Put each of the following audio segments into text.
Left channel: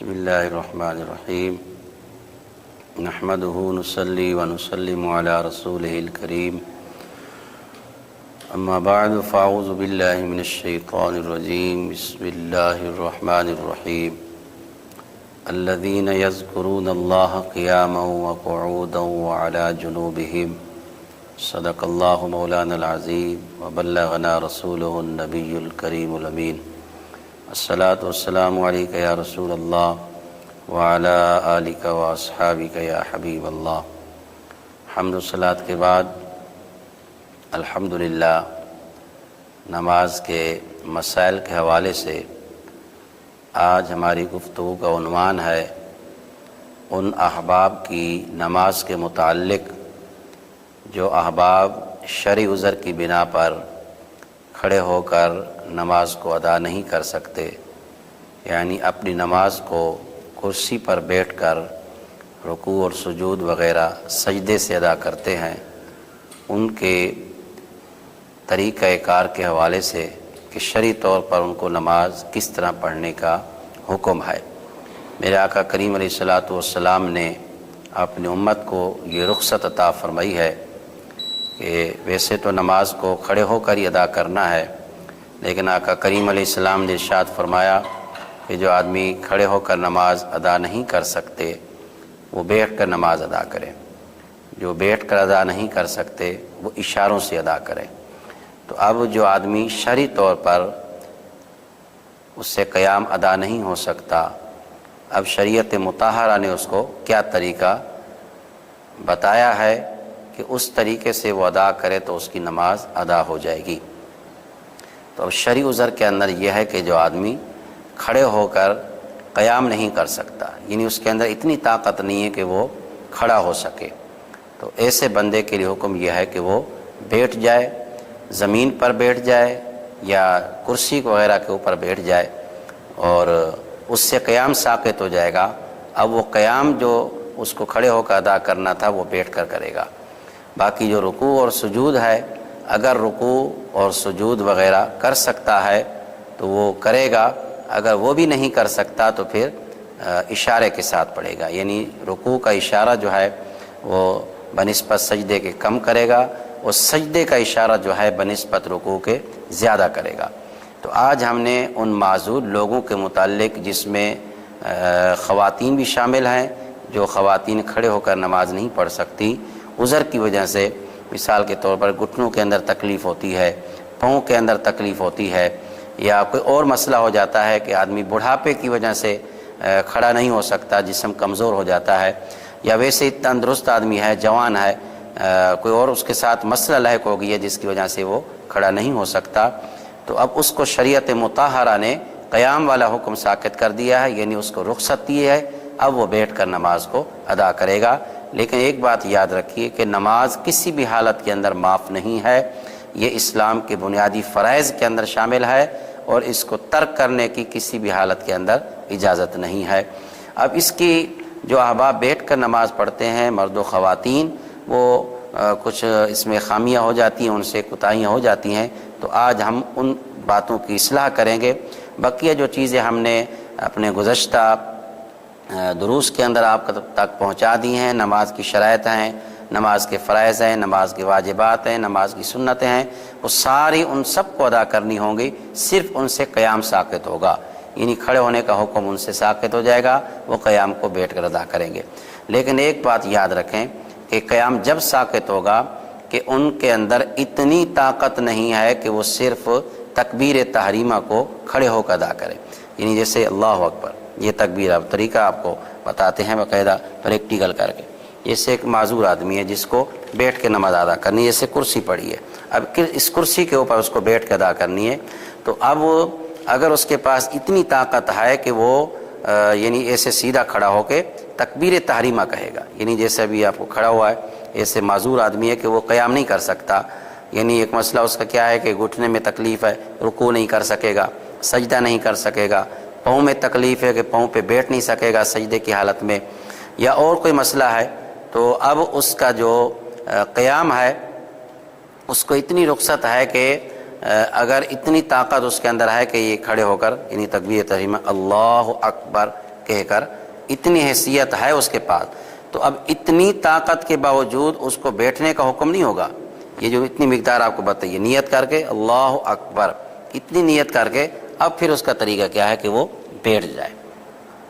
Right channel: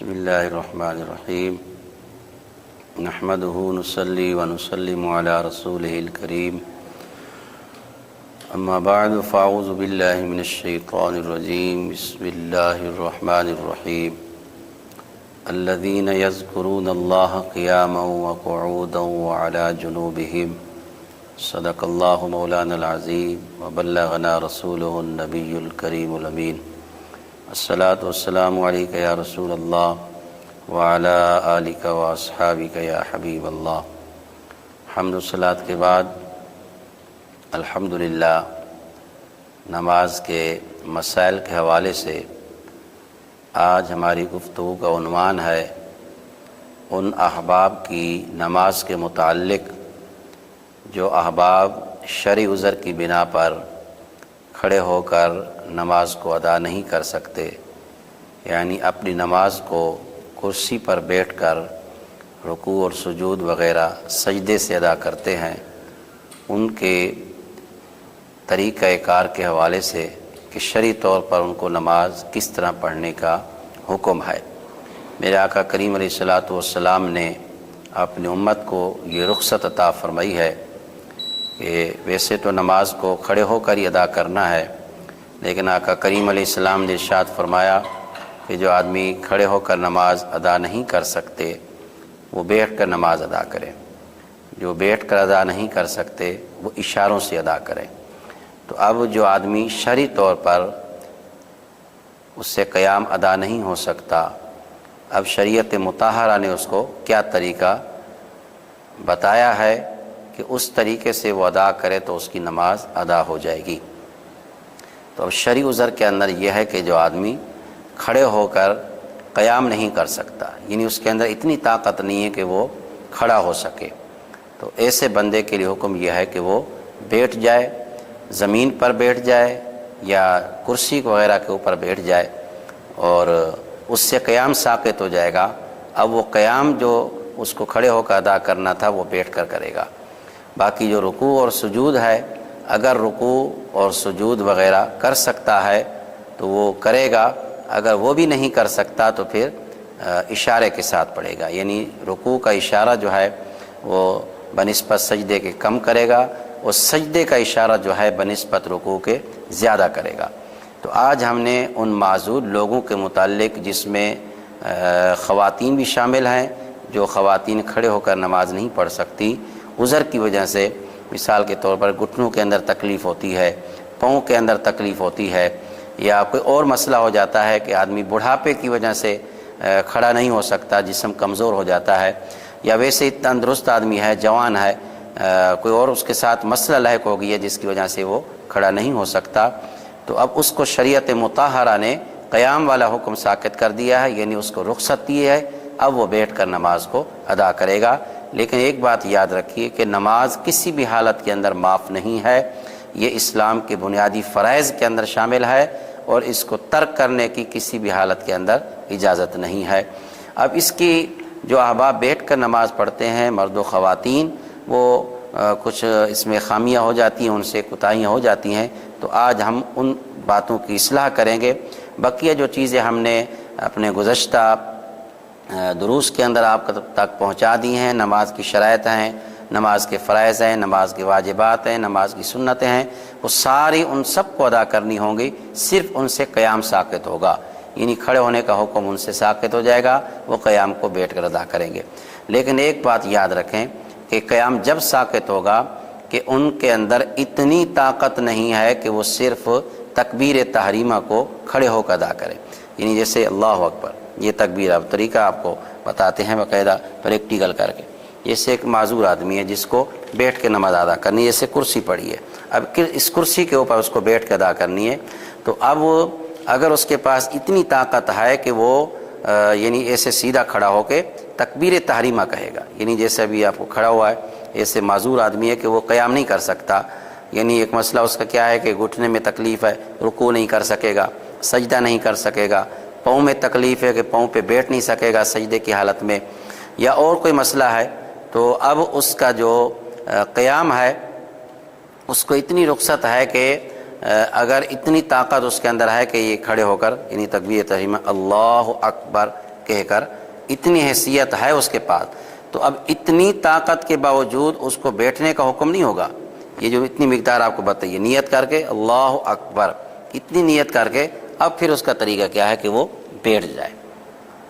بسم اللہ الرحمن الرحیم نحمده نصلی ونسلم علی رسولہ الکریم اما بعد فاعوذ باللہ من الشیطان الرجیم بسم اللہ الرحمن الرحیم الذین یذکرون اللہ قیاما وقعودا وعلی جنوبہم صدق اللہ مولانا العظیم وبلغنا رسولہ النبی الکریم الامین الصلاۃ والسلام علیک یا رسول اللہ وعلی آلک واصحابک یا حبیب اللہ۔ حمد و صلاۃ کے بعد الحمدللہ نماز کے مسائل کے حوالے سے آج ہماری گفتگو کا عنوان ہے ان احباب کی نماز کے متعلق جو احباب شرعی عذر کی بنا پر کھڑے ہو کر نماز کو ادا نہیں کر سکتے، یعنی اپنی نماز کو کرسی پر بیٹھ کر رکوع اور سجود وغیرہ سجدے سے ادا کرتے ہیں، ان کے طریقہ کار کے حوالے سے کہ شرعی طور پر ان کو نماز کس طرح پڑھنے کا حکم ہے۔ میرے آقا کریم علیہ الصلاۃ والسلام نے اپنی امت کو یہ رخصت عطا فرمائی ہے کہ ویسے تو نماز کو کھڑے ہو کر ہی ادا کرنا ہے، لیکن آقا کریم علیہ السلام نے ارشاد فرمایا کہ جو آدمی کھڑے ہو کر نماز ادا نہیں کر سکتے وہ بیٹھ کر نماز ادا کریں، جو بیٹھ کر ادا نہیں کر سکتے وہ اشاروں سے ادا کریں۔ تو اب جو آدمی شرعی طور پر اس سے قیام ادا نہیں ہو سکتا، اب شریعت مطہرہ نے اس کو کیا طریقہ بتایا ہے کہ اس طریقے سے وہ ادا کرے تو اس کی نماز ادا ہو جائے گی۔ تو اب شرعی عذر کے اندر یہ ہے کہ جو آدمی کھڑے ہو کر قیام نہیں کر سکتا، یعنی اس کے اندر اتنی طاقت نہیں ہے کہ وہ کھڑا ہو سکے، تو ایسے بندے کے لیے حکم یہ ہے کہ وہ بیٹھ جائے، زمین پر بیٹھ جائے یا کرسی وغیرہ کے اوپر بیٹھ جائے، اور اس سے قیام ساقط ہو جائے گا۔ اب وہ قیام جو اس کو کھڑے ہو کر ادا کرنا تھا وہ بیٹھ کر کرے گا۔ باقی جو رکوع اور سجود ہے، اگر رکوع اور سجود وغیرہ کر سکتا ہے تو وہ کرے گا، اگر وہ بھی نہیں کر سکتا تو پھر اشارے کے ساتھ پڑھے گا، یعنی رکوع کا اشارہ جو ہے وہ بنسبت سجدے کے کم کرے گا، اور سجدے کا اشارہ جو ہے بنسبت رکوع کے زیادہ کرے گا۔ تو آج ہم نے ان معذور لوگوں کے متعلق، جس میں خواتین بھی شامل ہیں، جو خواتین کھڑے ہو کر نماز نہیں پڑھ سکتی عذر کی وجہ سے، مثال کے طور پر گھٹنوں کے اندر تکلیف ہوتی ہے، پاؤں کے اندر تکلیف ہوتی ہے، یا کوئی اور مسئلہ ہو جاتا ہے کہ آدمی بڑھاپے کی وجہ سے کھڑا نہیں ہو سکتا، جسم کمزور ہو جاتا ہے، یا ویسے ہی تندرست آدمی ہے، جوان ہے، کوئی اور اس کے ساتھ مسئلہ لاحق ہو گئی ہے جس کی وجہ سے وہ کھڑا نہیں ہو سکتا، تو اب اس کو شریعت مطہرہ نے قیام والا حکم ساقط کر دیا ہے، یعنی اس کو رخصت دی ہے، اب وہ بیٹھ کر نماز کو ادا کرے گا۔ لیکن ایک بات یاد رکھیے کہ نماز کسی بھی حالت کے اندر معاف نہیں ہے، یہ اسلام کے بنیادی فرائض کے اندر شامل ہے، اور اس کو ترک کرنے کی کسی بھی حالت کے اندر اجازت نہیں ہے۔ اب اس کی جو احباب بیٹھ کر نماز پڑھتے ہیں، مرد و خواتین، وہ کچھ اس میں خامیاں ہو جاتی ہیں، ان سے کوتاہیاں ہو جاتی ہیں، تو آج ہم ان باتوں کی اصلاح کریں گے۔ بقیہ جو چیزیں ہم نے اپنے گزشتہ دروس کے اندر آپ تک پہنچا دی ہیں، نماز کی شرائط ہیں، نماز کے فرائض ہیں، نماز کے واجبات ہیں، نماز کی سنتیں ہیں، وہ ساری ان سب کو ادا کرنی ہوں گی، صرف ان سے قیام ساقط ہوگا، یعنی کھڑے ہونے کا حکم ان سے ساقط ہو جائے گا، وہ قیام کو بیٹھ کر ادا کریں گے۔ لیکن ایک بات یاد رکھیں کہ قیام جب ساقط ہوگا کہ ان کے اندر اتنی طاقت نہیں ہے کہ وہ صرف تکبیر تحریمہ کو کھڑے ہو کر ادا کریں، یعنی جیسے اللہ اکبر، یہ تکبیر اب طریقہ آپ کو بتاتے ہیں باقاعدہ پریکٹیکل کر کے۔ جیسے ایک معذور آدمی ہے جس کو بیٹھ کے نماز ادا کرنی ہے، جیسے کرسی پڑی ہے، اب اس کرسی کے اوپر اس کو بیٹھ کے ادا کرنی ہے، تو اب اگر اس کے پاس اتنی طاقت ہے کہ وہ یعنی ایسے سیدھا کھڑا ہو کے تکبیر تحریمہ کہے گا، یعنی جیسے ابھی آپ کو کھڑا ہوا ہے، ایسے معذور آدمی ہے کہ وہ قیام نہیں کر سکتا، یعنی ایک مسئلہ اس کا کیا ہے کہ گھٹنے میں تکلیف ہے، رکوع نہیں کر سکے گا، سجدہ نہیں کر سکے گا، پاؤں میں تکلیف ہے کہ پاؤں پہ بیٹھ نہیں سکے گا سجدے کی حالت میں، یا اور کوئی مسئلہ ہے، تو اب اس کا جو قیام ہے اس کو اتنی رخصت ہے کہ اگر اتنی طاقت اس کے اندر ہے کہ یہ کھڑے ہو کر یعنی تکبیر تحریمہ اللہ اکبر کہہ کر اتنی حیثیت ہے اس کے پاس، تو اب اتنی طاقت کے باوجود اس کو بیٹھنے کا حکم نہیں ہوگا۔ یہ جو اتنی مقدار آپ کو بتائیے، نیت کر کے اللہ اکبر، اتنی نیت کر کے اب پھر اس کا طریقہ کیا ہے کہ وہ بیٹھ جائے،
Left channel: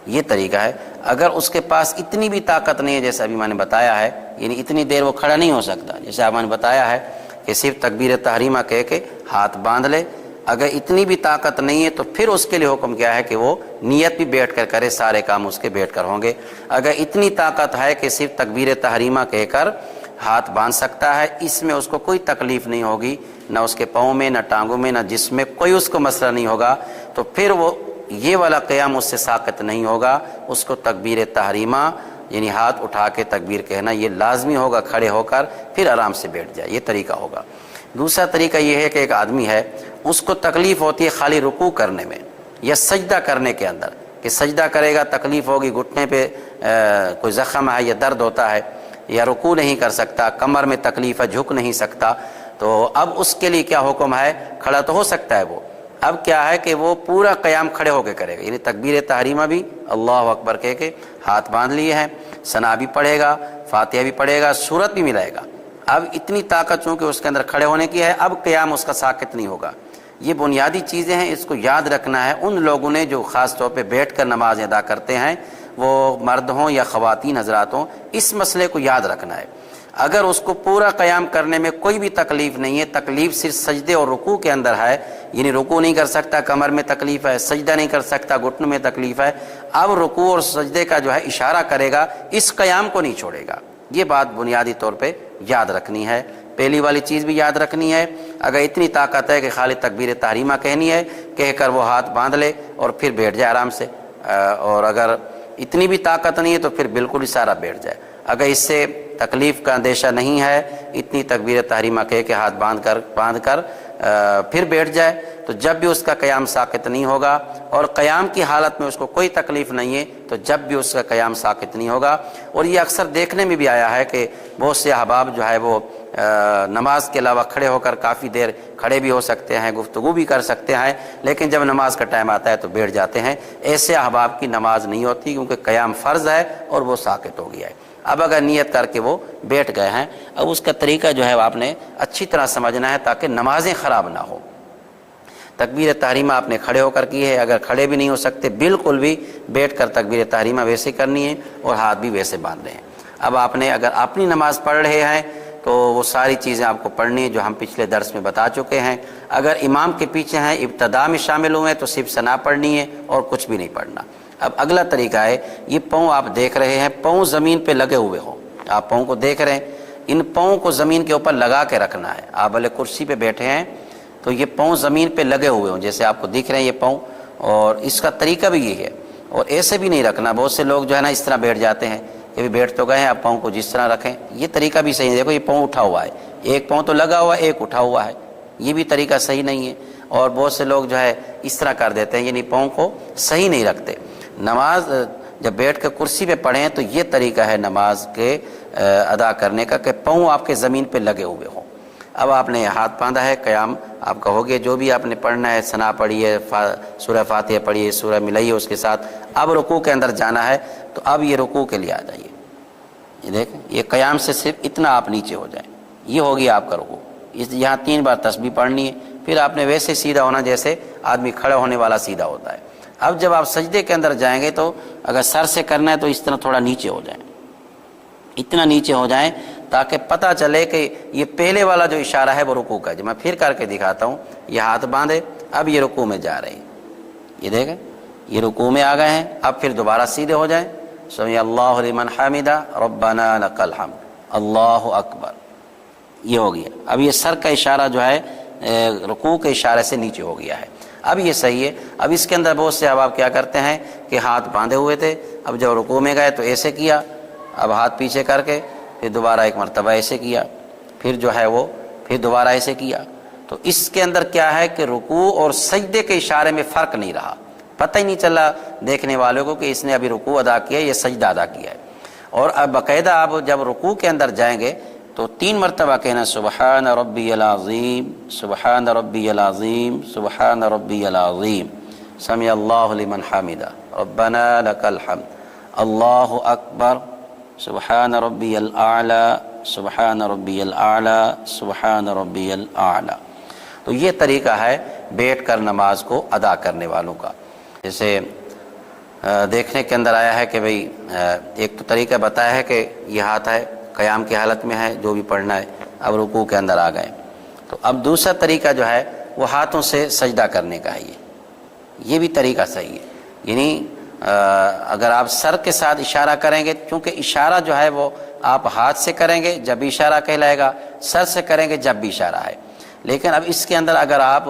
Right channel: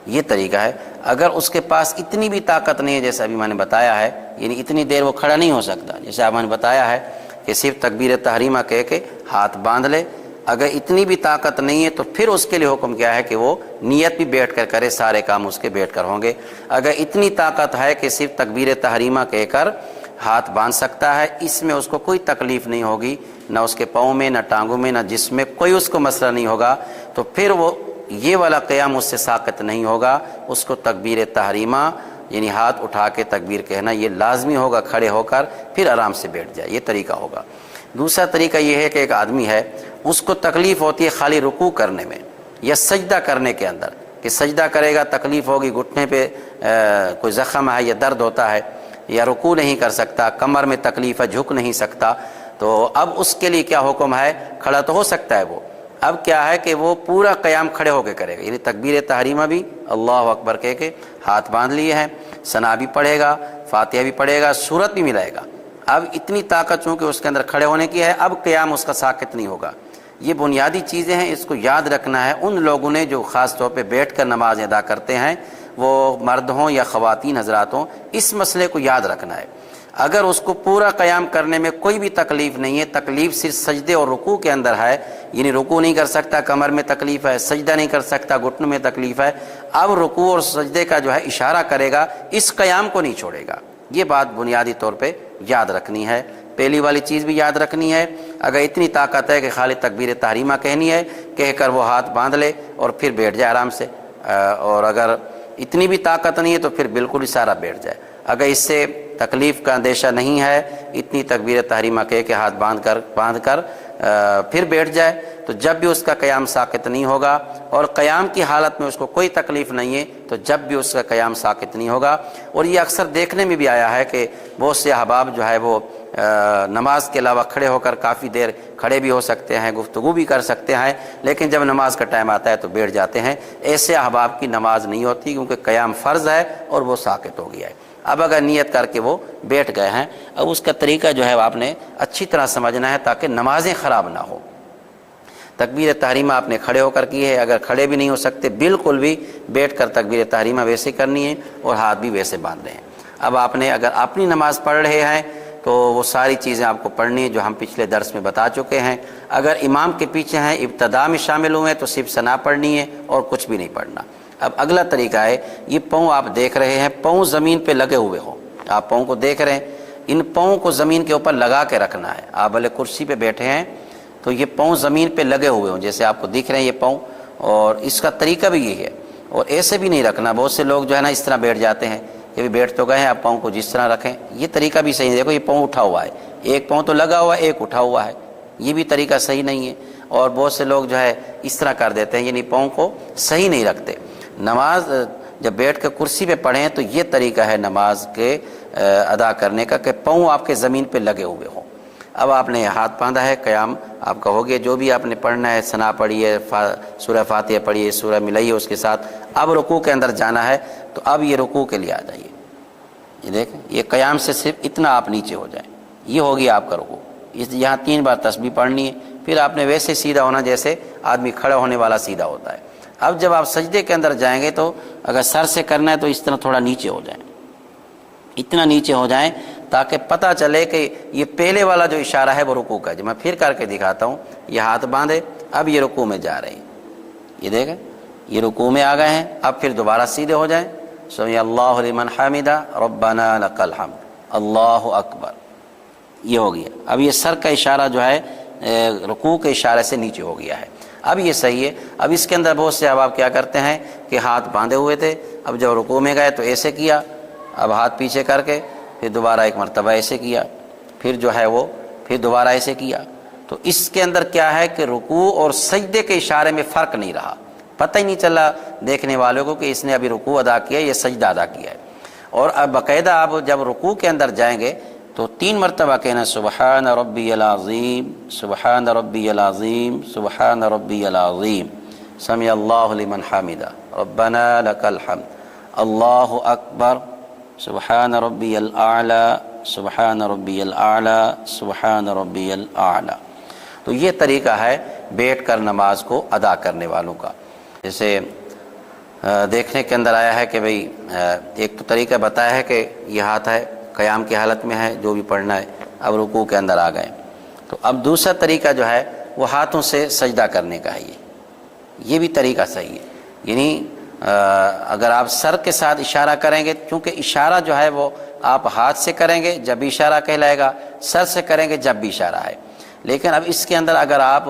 یہ طریقہ ہے۔ اگر اس کے پاس اتنی بھی طاقت نہیں ہے، جیسے ابھی میں نے بتایا ہے، یعنی اتنی دیر وہ کھڑا نہیں ہو سکتا، جیسے آپ نے بتایا ہے کہ صرف تکبیر تحریمہ کہہ کے ہاتھ باندھ لے، اگر اتنی بھی طاقت نہیں ہے تو پھر اس کے لیے حکم کیا ہے کہ وہ نیت بھی بیٹھ کر کرے، سارے کام اس کے بیٹھ کر ہوں گے۔ اگر اتنی طاقت ہے کہ صرف تکبیر تحریمہ کہہ کر ہاتھ باندھ سکتا ہے، اس میں اس کو کوئی تکلیف نہیں ہوگی، نہ اس کے پاؤں میں، نہ ٹانگوں میں، نہ جسم میں، کوئی اس کو مسئلہ نہیں ہوگا، تو پھر وہ یہ والا قیام اس سے ساقط نہیں ہوگا، اس کو تکبیر تحریمہ یعنی ہاتھ اٹھا کے تکبیر کہنا یہ لازمی ہوگا، کھڑے ہو کر پھر آرام سے بیٹھ جائے، یہ طریقہ ہوگا۔ دوسرا طریقہ یہ ہے کہ ایک آدمی ہے، اس کو تکلیف ہوتی ہے خالی رکوع کرنے میں یا سجدہ کرنے کے اندر، کہ سجدہ کرے گا تکلیف ہوگی، گھٹنے پہ کوئی زخم ہے یا درد ہوتا ہے، یا رکوع نہیں کر سکتا، کمر میں تکلیف ہے، جھک نہیں سکتا، تو اب اس کے لیے کیا حکم ہے؟ کھڑا تو ہو سکتا ہے وہ، اب کیا ہے کہ وہ پورا قیام کھڑے ہو کے کرے گا، یعنی تکبیر تحریمہ بھی اللہ اکبر کہہ کے ہاتھ باندھ لیے ہیں، ثنا بھی پڑھے گا، فاتحہ بھی پڑھے گا، سورت بھی ملائے گا۔ اب اتنی طاقت چونکہ اس کے اندر کھڑے ہونے کی ہے، اب قیام اس کا ساقط نہیں ہوگا۔ یہ بنیادی چیزیں ہیں، اس کو یاد رکھنا ہے ان لوگوں نے جو خاص طور پہ بیٹھ کر نماز ادا کرتے ہیں، وہ مرد ہوں یا خواتین حضرات ہوں، اس مسئلے کو یاد رکھنا ہے۔ اگر اس کو پورا قیام کرنے میں کوئی بھی تکلیف نہیں ہے، تکلیف صرف سجدے اور رکوع کے اندر ہے، یعنی رکوع نہیں کر سکتا، کمر میں تکلیف ہے، سجدہ نہیں کر سکتا، گھٹنوں میں تکلیف ہے، اب رکوع اور سجدے کا جو ہے اشارہ کرے گا، اس قیام کو نہیں چھوڑے گا۔ یہ بات بنیادی طور پہ یاد رکھنی ہے۔ پہلی والی چیز بھی یاد رکھنی ہے، اگر اتنی طاقت ہے کہ خالی تکبیر تحریمہ کہنی ہے، کہہ کر وہ ہاتھ باندھ لے اور پھر بیٹھ جائے آرام سے، اور اگر اتنی بھی طاقت نہیں ہے تو پھر بالکل اشارہ بیٹھ جائے۔ اگر اس سے تکلیف کا اندیشہ نہیں ہے، اتنی تکبیر تحریمہ کہہ کے ہاتھ باندھ کر پھر بیٹھ جائے، تو جب بھی اس کا قیام ساقط نہیں ہوگا، اور قیام کی حالت میں اس کو کوئی تکلیف نہیں ہے تو جب بھی اس کا قیام ساقط نہیں ہوگا۔ اور یہ اکثر دیکھنے میں بھی آیا ہے کہ بہت سے احباب جو ہے وہ نماز کے علاوہ کھڑے ہو کر کافی دیر کھڑے بھی ہو سکتے ہیں، گفتگو بھی کر سکتے ہیں، لیکن جب نماز کا ٹائم آتا ہے تو بیٹھ جاتے ہیں۔ ایسے احباب کی نماز نہیں ہوتی، کیونکہ قیام فرض ہے اور وہ ساقط ہو گیا ہے۔ اب اگر نیت کر کے وہ بیٹھ گئے ہیں، اب اس کا طریقہ جو ہے آپ نے اچھی طرح سمجھنا ہے تاکہ نمازیں خراب نہ ہو۔ تکبیر تحریمہ آپ نے کھڑے ہو کر کی ہے، اگر کھڑے بھی نہیں ہو سکتے بالکل بھی بیٹھ کر تکبیر تحریمہ ویسے کرنی ہے اور ہاتھ بھی ویسے باندھنے ہیں۔ اب آپ نے اگر اپنی نماز پڑھ رہے ہیں تو وہ ساری چیزیں آپ کو پڑھنی ہے جو ہم پچھلے درس میں بتا چکے ہیں۔ اگر امام کے پیچھے ہیں، ابتدا میں شامل ہوئے تو صرف ثنا پڑھنی ہے اور کچھ بھی نہیں پڑھنا۔ اب اگلا طریقہ ہے، یہ پاؤں آپ دیکھ رہے ہیں، پاؤں زمین پہ لگے ہوئے ہوں، آپ پاؤں کو دیکھ رہے ہیں، ان پاؤں کو زمین کے اوپر لگا کے رکھنا ہے۔ آپ بھلے کرسی پہ بیٹھے ہیں تو یہ پاؤں زمین پہ لگے ہوئے ہوں، جیسے آپ کو دکھ رہے ہیں یہ پاؤں، اور اس کا طریقہ بھی یہی ہے۔ اور ایسے بھی نہیں رکھنا، بہت سے لوگ جو ہے نا اس طرح بیٹھ جاتے ہیں کہ بیٹھ تو گئے ہیں، آپ پاؤں کو جس طرح رکھیں، یہ طریقہ بھی صحیح ہے۔ دیکھو یہ پاؤں اٹھا ہوا ہے، ایک پاؤں تو لگا ہوا ہے، ایک اٹھا ہوا ہے، یہ بھی طریقہ صحیح نہیں ہے۔ اور بہت سے لوگ جو ہے اس طرح کر دیتے ہیں، یعنی پاؤں کو صحیح نہیں رکھتے۔ نماز جب بیٹھ کر کرسی پہ پڑھیں تو یہ طریقہ ہے نماز کے ادا کرنے کا کہ پاؤں آپ کے زمین پہ لگے ہوئے ہوں۔ اب آپ نے ہاتھ باندھا ہے، قیام آپ کا ہو گیا، جو بھی آپ نے پڑھنا ہے، ثنا پڑھی ہے، سورہ فاتحہ پڑھی ہے، سورہ ملائی ہے اس کے ساتھ، اب رکوع کے اندر جانا ہے، تو اب یہ رکوع کے لیے آ جائیے۔ یہ دیکھیں، یہ قیام سے صرف اتنا آپ نیچے ہو جائیں، یہ ہوگی آپ کا رکوع۔ یہاں 3 بار تسبیح پڑھنی ہے، پھر آپ نے ویسے سیدھا ہونا جیسے آدمی کھڑا ہونے والا سیدھا ہوتا ہے۔ اب جب آپ سجدے کے اندر جائیں گے تو اگر سر سے کرنا ہے تو اس طرح تھوڑا نیچے ہو جائیں، اتنا نیچے ہو جائیں تاکہ پتہ چلے کہ یہ پہلے والا جو اشارہ ہے وہ رکوع کا ہے۔ میں پھر کر کے دکھاتا ہوں، یہ ہاتھ باندھے، اب یہ رکوع میں جا رہے ہیں، یہ دیکھیں یہ رکوع میں آ گئے ہیں۔ اب پھر دوبارہ سیدھے ہو جائیں، سمی اللہ لمن حمدہ ربنا لک الحمد، اللہ اکبر، یہ ہو گیا۔ اب یہ سر کا اشارہ جو ہے رکوع کے اشارے سے نیچے ہو گیا ہے۔ اب یہ صحیح ہے۔ اب اس کے اندر بہت سے آپ کیا کرتے ہیں کہ ہاتھ باندھے ہوئے تھے، اب جب رکوع میں گئے تو ایسے کیا، اب ہاتھ پیچھے کر کے پھر دوبارہ ایک مرتبہ ایسے کیا، پھر جو ہے وہ پھر دوبارہ ایسے کیا۔ تو اس کے اندر کیا ہے کہ رکوع اور سجدے کے اشارے میں فرق نہیں رہا، پتہ ہی نہیں چلا دیکھنے والوں کو کہ اس نے ابھی رکوع ادا کیا یا سجدہ ادا کیا ہے۔ اور اب باقاعدہ آپ جب رکوع کے اندر جائیں گے تو 3 مرتبہ کہنا سبحان ربی العظیم، سبحان ربی العظیم، سبحان ربی العظیم، سمع اللہ لمن حمدہ۔ ربنا لک الحمد، اللہ اکبر، سبحان ربی الاعلی، سبحان ربی الاعلی، سبحان ربی الاعلی۔ تو یہ طریقہ ہے بیٹھ کر نماز کو ادا کرنے والوں کا۔ جیسے دیکھنے کے اندر آیا ہے کہ بھئی ایک تو طریقہ بتایا ہے کہ یہ ہاتھ ہے، قیام کی حالت میں ہے جو بھی پڑھنا ہے، اب رکوع کے اندر آ گئے، تو اب دوسرا طریقہ جو ہے وہ ہاتھوں سے سجدہ کرنے کا ہے۔ یہ بھی طریقہ صحیح ہے، یعنی اگر آپ سر کے ساتھ اشارہ کریں گے، کیونکہ اشارہ جو ہے وہ آپ ہاتھ سے کریں گے جب بھی اشارہ کہلائے گا، سر سے کریں گے جب بھی اشارہ ہے، لیکن اب اس کے اندر اگر آپ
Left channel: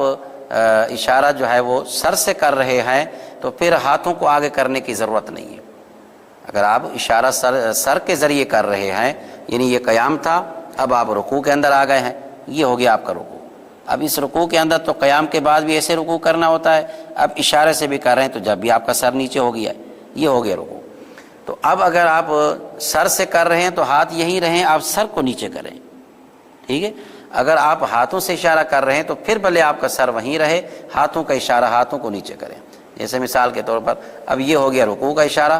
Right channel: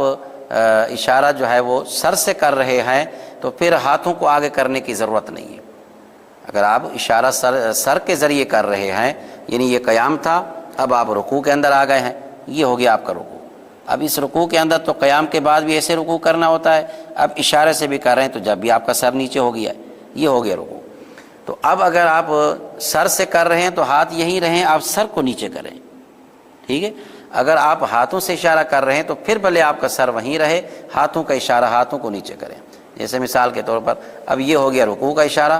اشارہ جو ہے وہ سر سے کر رہے ہیں تو پھر ہاتھوں کو آگے کرنے کی ضرورت نہیں ہے۔ اگر آپ اشارہ سر کے ذریعے کر رہے ہیں، یعنی یہ قیام تھا، اب آپ رکوع کے اندر آ گئے ہیں، یہ ہو گیا آپ کا رکوع۔ اب اس رکوع کے اندر تو قیام کے بعد بھی ایسے رکوع کرنا ہوتا ہے، اب اشارے سے بھی کر رہے ہیں تو جب بھی آپ کا سر نیچے ہو گیا، یہ ہو گیا رکوع۔ تو اب اگر آپ سر سے کر رہے ہیں تو ہاتھ یہیں رہیں، آپ سر کو نیچے کریں، ٹھیک ہے۔ اگر آپ ہاتھوں سے اشارہ کر رہے ہیں تو پھر بھلے آپ کا سر وہیں رہے، ہاتھوں کا اشارہ ہاتھوں کو نیچے کریں۔ جیسے مثال کے طور پر اب یہ ہو گیا رکوع کا اشارہ،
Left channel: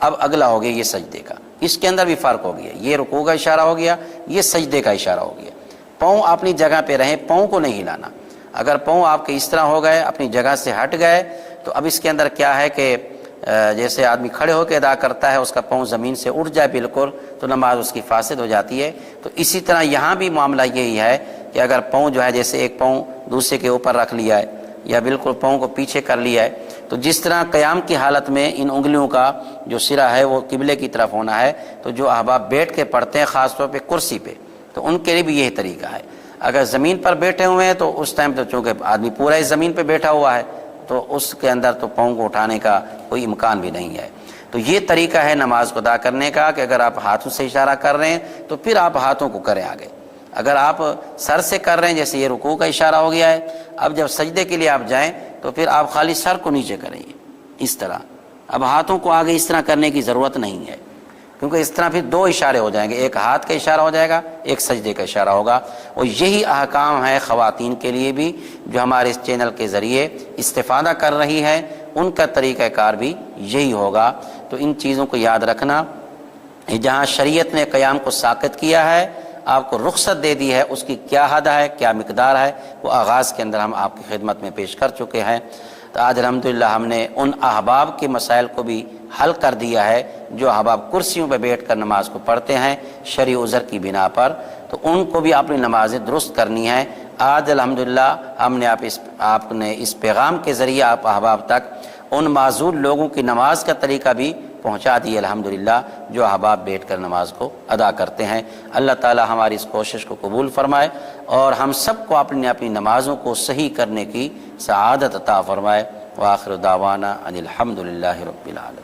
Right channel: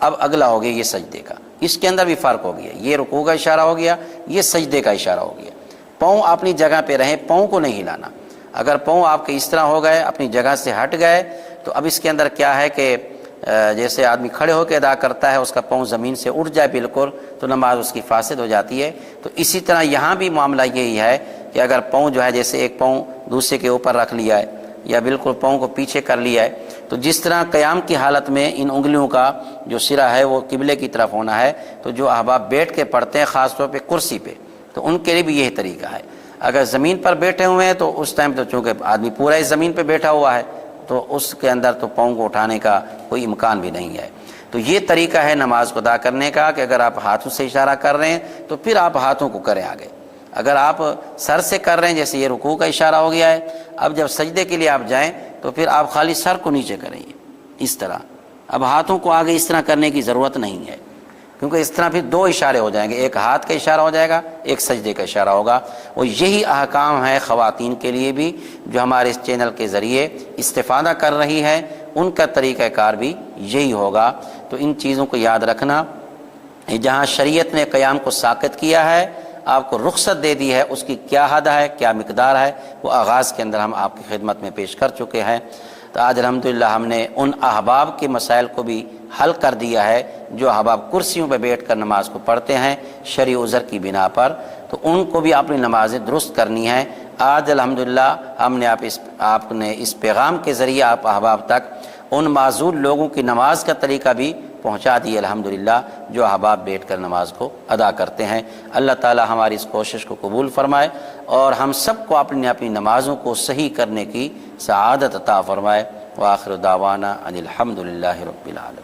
اب اگلا ہو گیا یہ سجدے کا، اس کے اندر بھی فرق ہو گیا، یہ رکوع کا اشارہ ہو گیا، یہ سجدے کا اشارہ ہو گیا۔ پاؤں اپنی جگہ پہ رہیں، پاؤں کو نہیں ہلانا۔ اگر پاؤں آپ کے اس طرح ہو گئے، اپنی جگہ سے ہٹ گئے، تو اب اس کے اندر کیا ہے کہ جیسے آدمی کھڑے ہو کے ادا کرتا ہے، اس کا پاؤں زمین سے اٹھ جائے بالکل، تو نماز اس کی فاسد ہو جاتی ہے۔ تو اسی طرح یہاں بھی معاملہ یہی ہے کہ اگر پاؤں جو ہے جیسے ایک پاؤں دوسرے کے اوپر رکھ لیا ہے یا بالکل پاؤں کو پیچھے کر لیا ہے، تو جس طرح قیام کی حالت میں ان انگلیوں کا جو سرا ہے وہ قبلے کی طرف ہونا ہے، تو جو احباب بیٹھ کے پڑھتے ہیں خاص طور پہ کرسی پہ، تو ان کے لیے بھی یہی طریقہ ہے۔ اگر زمین پر بیٹھے ہوئے ہیں تو اس ٹائم تو چونکہ آدمی پورا ہی زمین پہ بیٹھا ہوا ہے، تو اس کے اندر تو پاؤں کو اٹھانے کا کوئی امکان بھی نہیں ہے۔ تو یہ طریقہ ہے نماز کو ادا کرنے کا کہ اگر آپ ہاتھوں سے اشارہ کر رہے ہیں تو پھر آپ ہاتھوں کو کریں آگے۔ اگر آپ سر سے کر رہے ہیں، جیسے یہ رکوع کا اشارہ ہو گیا ہے، اب جب سجدے کے لیے آپ جائیں تو پھر آپ خالی سر کو نیچے کریں اس طرح۔ اب ہاتھوں کو آگے اس طرح کرنے کی ضرورت نہیں ہے، کیونکہ اس طرح پھر دو اشارے ہو جائیں گے، ایک ہاتھ کا اشارہ ہو جائے گا، ایک سجدے کا اشارہ ہوگا۔ اور یہی احکام ہے خواتین کے لیے بھی جو ہمارے اس چینل کے ذریعے استفادہ کر رہی ہیں، ان کا طریقہ کار بھی یہی ہوگا۔ تو ان چیزوں کو یاد رکھنا، جہاں شریعت نے قیام کو ساقط کیا ہے، آپ کو رخصت دے دی ہے، اس کی کیا حد ہے، کیا مقدار ہے، وہ آغاز کے اندر ہم آپ کی خدمت میں پیش کر چکے ہیں۔ تو آج الحمدللہ ہم نے ان احباب کے مسائل کو بھی حل کر دیا ہے جو احباب کرسیوں پہ بیٹھ کر نماز کو پڑھتے ہیں شرعی عذر کی بنا پر، تو ان کو بھی اپنی نمازیں درست کرنی ہیں۔ آج الحمدللہ ہم نے آپ نے اس پیغام کے ذریعے آپ احباب تک ان معذور لوگوں کی نماز کا طریقہ بھی پہنچا دی الحمدللہ، جو احباب بیٹھ کر نماز کو ادا کرتے ہیں۔ اللہ تعالی ہماری اس کوشش کو قبول فرمائے اور ہم سب کو اپنی اپنی نمازوں کو صحیح کرنے کی سعادت عطا فرمائے۔ وآخر دعوانا ان الحمدللہ رب العالمین۔